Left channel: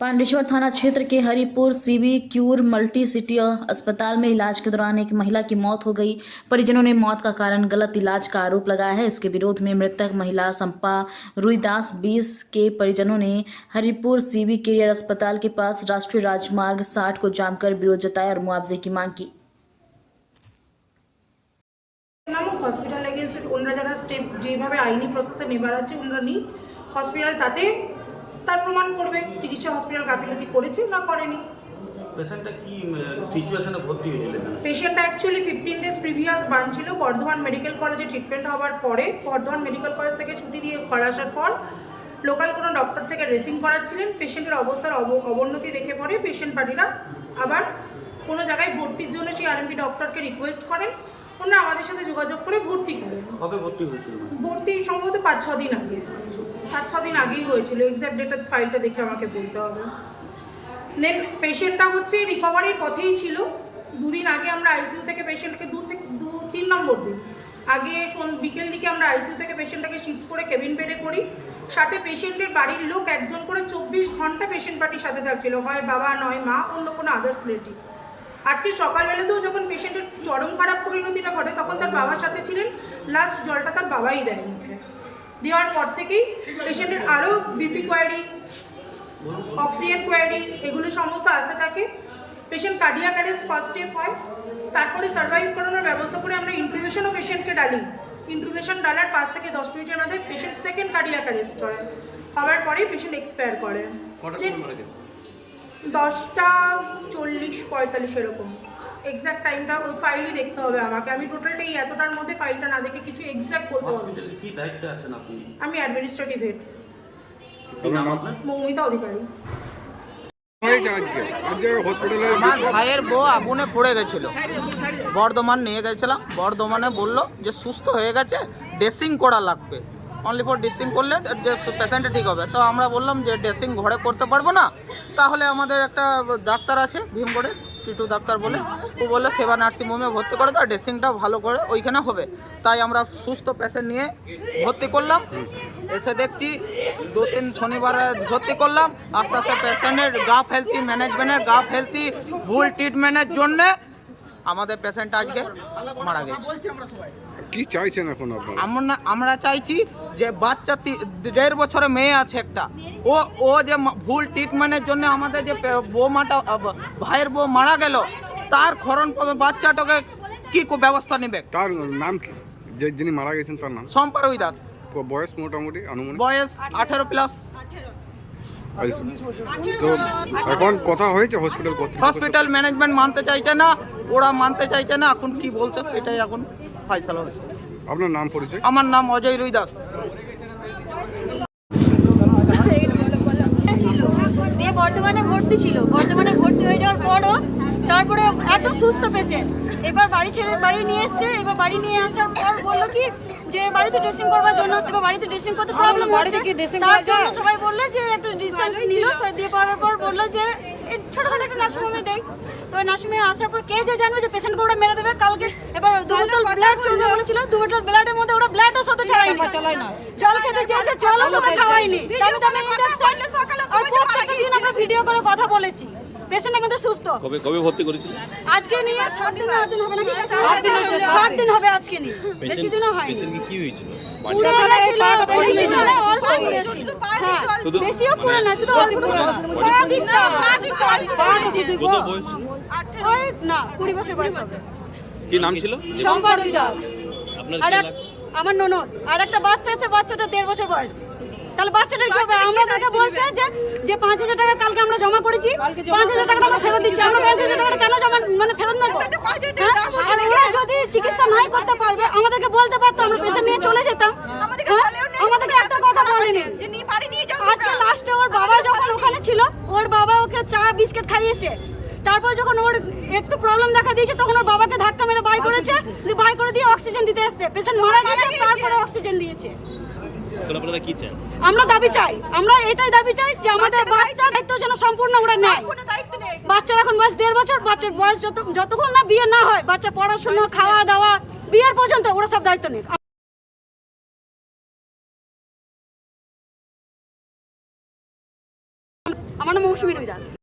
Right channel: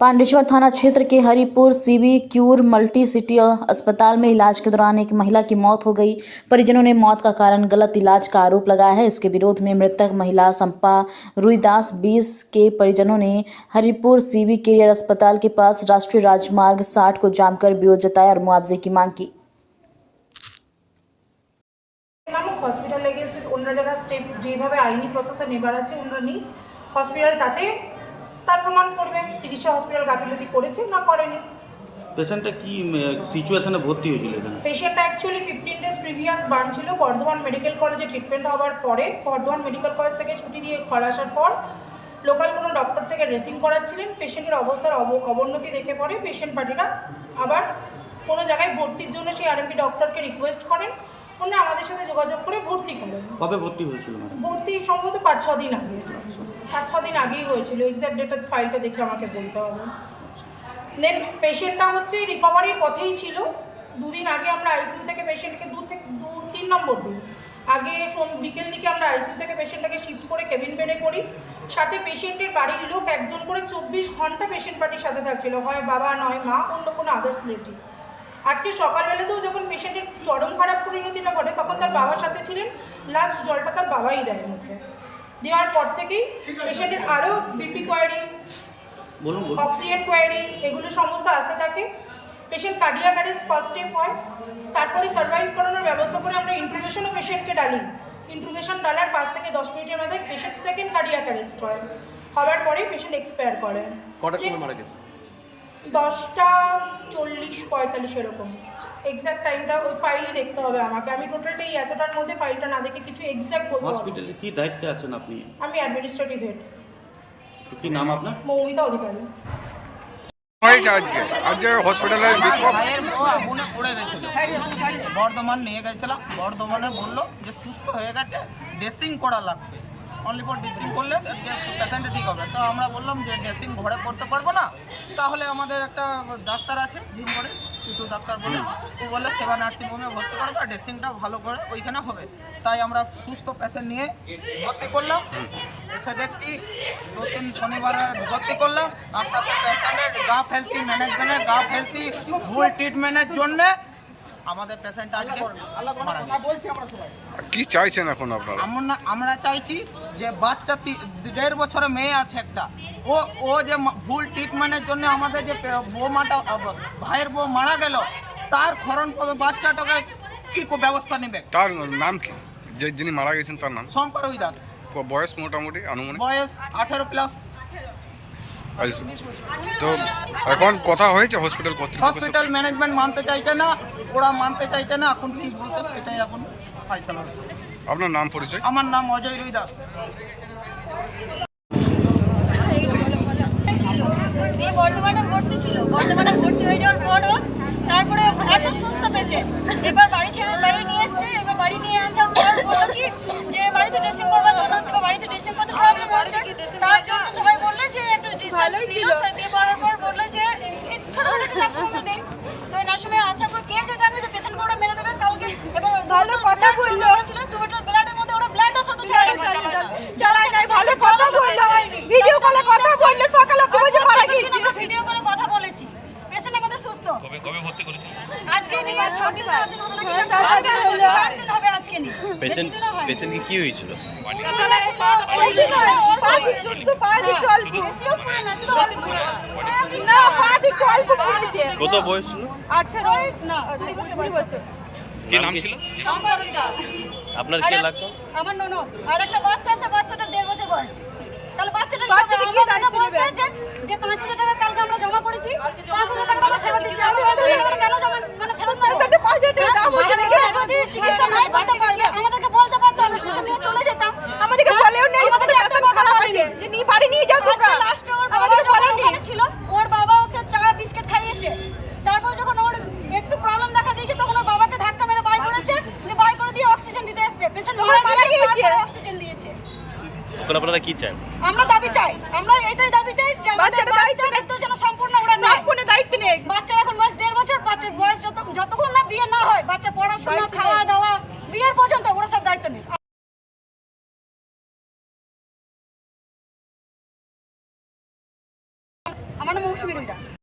पांडेश्वर थाना क्षेत्र के Haripur CB cure multi city अस्पताल में इलाज के दौरान एक महिला की मौत हो गई। परिजनों ने मौत का कारण गलत इलाज का आरोप लगाया है। इसके विरोध में मृतक महिला संपा रुईदास 20 के परिजनों ने हरिपुर सीबी केयर अस्पताल के पास राष्ट्रीय राजमार्ग 60 को जाम कर विरोध जताया और मुआवजे की मांग की। নামক হসপিটালে গেছে ওনারা যারা স্টেপ যেভাবে আইনি প্রসেসে নেবার আছে ওনারা নি হসপিটাল তাতে তার প্রমাণ করবে চিকিৎসা হসপিটাল গাফিলতি করেছে না করেনি। পেশেন্টটা কি সিচুয়েশনে ভর্তি হয়েছিল? পেশেন্টটা অ্যাকচুয়ালি 15 ডেজ প্রিভিয়াস বান ছিল। বর্ধমান মেডিকেল কলেজে ট্রিটমেন্ট হওয়ার পরে বর্ধমান মেডিকেল কলেজ থেকে ছুটি দিয়ে ঘর আসার পর লোকাল কোনো ডক্টর থেকে ড্রেসিং করাচ্ছিলেন। পেশেন্টের অবস্থার অবনতি দেখে পরে পেশেন্ট পার্টিরা আবার কোনো জায়গায় ভর্তির জন্য সেই আরএমপি ডক্টরকে রিকোয়েস্ট করেন। ওনারা আমাদের সাথে যোগাযোগ করে ভর্তি করেন। কবে ভর্তি হয়েছিল? ভর্তি সম্ভবত 5-6 দিন আগে, 5-6 দিন আগেই হয়েছিল। এক্সাক্ট ডেটা ফাইলটা দেখে আমাকে বলতে হবে। দেন পেশেন্টটা হচ্ছে রিকভারির পথেই ছিল। 2 দিন আগে আমরা আইসিইউ থেকে পেশেন্টকে 2-3 নম্বর দিন আগে বিকেল দিকে আমরা আইসিইউ থেকে পেশেন্টটাকে শিফট করে কেবিন বেডে করি। সাথে পেশেন্টের বাড়ির লোক একজন করে 24 ঘন্টা পেশেন্ট পার্টির সাথে থাকছিল, হয় বাবা নয় মা, অন্য কোনো আদার্স রিলেটিভ। আজকে সকালবেলাতেও যখন পেশেন্টের চরম খারাপ পরিণতিটা ঘটে তখন তার বাবার সাথে ছিলেন। লাস্ট জলটা তার বাবাই দেয় মুখে। দেওয়ার পর থেকেই পেশেন্টের আরও বিপি কোয়ারি, অক্সিজেন কোয়ারি এগুলো সমস্ত আসতে থাকে। Patient cardiac arrest first step হয়, তারপরে সার্ভাইভ করানোর ব্যবস্থা করে আমরা ইন্ট্রুভেশনও পেশেন্টকে ডালি। ইন্ট্রুভেশন ডালার 5 থেকে 10 মিনিটের মাথায় পেশেন্ট সেকেন্ড কার্ডিয়াক অ্যারেস্ট হয়। হওয়ার পরেই পেশেন্ট এক্সপায়ার করেন। কটার সময় মারা গেছে? 10টা 40-45 এরকম। এক্স্যাক্ট টাইমটা ওই ফাইলই দেখতে হবে আমাকে। আমি টোটালটা এই এতটার মধ্যে ফাইলটা না দেখে কিছু এক্স্যাক্ট বলতে পারবো। হসপিটালে কি দায়িত্বে আছেন আপনি? আমি অ্যাডমিনিস্ট্রেটিভ হেড। কি নাম আপনার? মৌমিতা অধিকারী। আজ হসপিটালে ভাইয়ের বউ আগুনে পড়ে গেছিল, বর্ধমান নিয়ে গেছিলাম। বর্ধমানে বললো যে সুস্থ হয়ে গেছে, ড্রেসিং করা লাগবে, অনলি ফর ড্রেসিং করলে পেশেন্টটা ঠিক হবে। তো আমরা বললাম যে ড্রেসিং ঘরে করতে পারবো না, তাহলে আমাদের একটা ডাক্তার আছে ভীমগড়ে, টিটু ডাক্তার বলে, ও বললো সেবা নার্সিংহোমে ভর্তি করে দাও, ড্রেসিংটা ভালো করে ওইখানে হবে। তাই আমরা সুস্থ পেশেন্ট নিয়ে ভর্তি করলাম। এসে দেখছি 2-3 শনিবারে ভর্তি করলাম। আস্তে আস্তে পেশেন্টের গাফিলতি, ম্যানেজমেন্টের গাফিলতি, ভুল ট্রিটমেন্টের জন্যে আমাদের পেশেন্ট আজকে মারা গেছে। কি চাইছেন এখন আপনারা? আমরা চাইছি যে বাচ্চা 1.5 বছরের মেয়ে আছে একটা, ও যে ভুল ট্রিটমেন্টের জন্য আমাদের যে বৌমাটা ভাইয়ের বউ মারা গেল, তার খরণ বাচ্চাটাকে কি ব্যবস্থা নেবে? তার নাম কি? যিনি মারা গেছেন তার নাম? সম্পা রুইদাস। বয়স মোটামুটি আনুমানিক? বয়স 18+। তো এখন কথা হয়েছে হসপিটাল কর্তৃপক্ষ? হসপিটাল ম্যানেজমেন্ট মানতে চাইছে না, ওরা মানতে চাইছে না। এখন কি বলছে সেটাই এখন ফাইসালা হচ্ছে। আপনার নাম পরিচয়? আমার নাম অজয় রুইদাস। দিয়ে বর্ধমানে ভর্তি ছিল। বর্ধমানে ভর্তি হয়ে যাওয়ার পরও তারপরে একদম সুস্থ পেশেন্ট। এবার বাড়ি ছেড়ে বাড়ি নিয়ে এসছে। এবার বাড়ি নিয়ে আসার পর বললো কি যে বাড়িতে ড্রেসিং করবার জন্য। এবার বাড়িতে ড্রেসিং করতে প্রবলেম হচ্ছে, তার জন্য সবাই বললো যে একটু ডিসচার্জ নিল। দিয়ে পড়ার পর বললো যে ছোটখাটো একটু নার্সিংহোমে দেয়। তো নার্সিংহোমে আসার পর কে যে জানবে যে পেশেন্টকে ওরা মেরে দেবে কালকে। এবার 2 বোতল ব্লাড চলে বলেছিল, 2 বোতল ব্লাডের মধ্যে ওরা ব্লাডও সাথে চালায়নি, জল খেতে চেয়েছে, জলও সাথে খাওয়ায়নি। ভিডিও কলে কথা বললে সকালে আমরা ভিডিও কলে কথা বলেছি। পেশেন্ট আমাদের সুস্থ। কবে ভর্তি করেছিল? আজকে নিয়ে 7 দিন 8 দিন হবে নাকি? 7 দিন হবে আজকে নিয়ে। বেশি দিনও হয়। পেশেন্ট কি হয়েছিল? পুরো ছিল, অল্প একটু বেশিও পুরো না, শুধু অল্প। কত বয়স ছিল? 18 না 20 বছর বয়স হবে। কি নাম ছিল? সম্পা রুইদাস। আপনার কি লাগতো? আমার ননদ। আর একটা বাচ্চা আছে, বাচ্চাটা 1.5 বছর বয়স। তাহলে বাচ্চাটা কি হবে? আমরা তাকে বলছে যে 5,000 টাকা কালকে আমরা জমা করেছি, 5,000 টাকা আমরা ফেরত দিচ্ছি। আমরা 5,000 টাকা কেন জমা ফেরত নেব? ওরা যদি চিকিৎসা নাই করতে পারবে আমাদেরকে বলতে পারতো, আমরা পেশেন্ট নিয়ে চলে যেতাম। আমাদেরকে বলেও নেই, আমাদেরকে একটা কথা বলেনি যে বাড়ি নিয়ে যাও। আজকে লাস্টে ওর বাবা যখন ওখানে ছিল, ওর বাবা ওকে চা বিস্কিট খাইয়েছে। তারপর যখন ওর একটু প্রবলেম দেখা দিয়েছে তখন ওর বাবাকে ধাক্কা মেরে বাই করেছে, বাই করে দিয়ে অক্সিজেন দিতে এসেছে। পেশেন্ট মারা গেছে, তারপরে অক্সিজেন দিয়েছে। আপনারা কি চান? আমরা দাবি চাই, আমরা এটাই দাবি চাই যে আমাদের বাচ্চার দায়িত্ব যেন সম্পূর্ণ ওরা নেয়। কোনো দায়িত্ব নেই। বাচ্চার এখন বয়স 1.5 বছর। বাচ্চার বয়স যতক্ষণ না বিয়ে না হয়, বাচ্চা পড়াশোনা, খাওয়া দাওয়া, বিয়ের পর্যন্ত ওরা সব দায়িত্ব নেই। আমার আমার নাম মৌসুমী রুই দাস।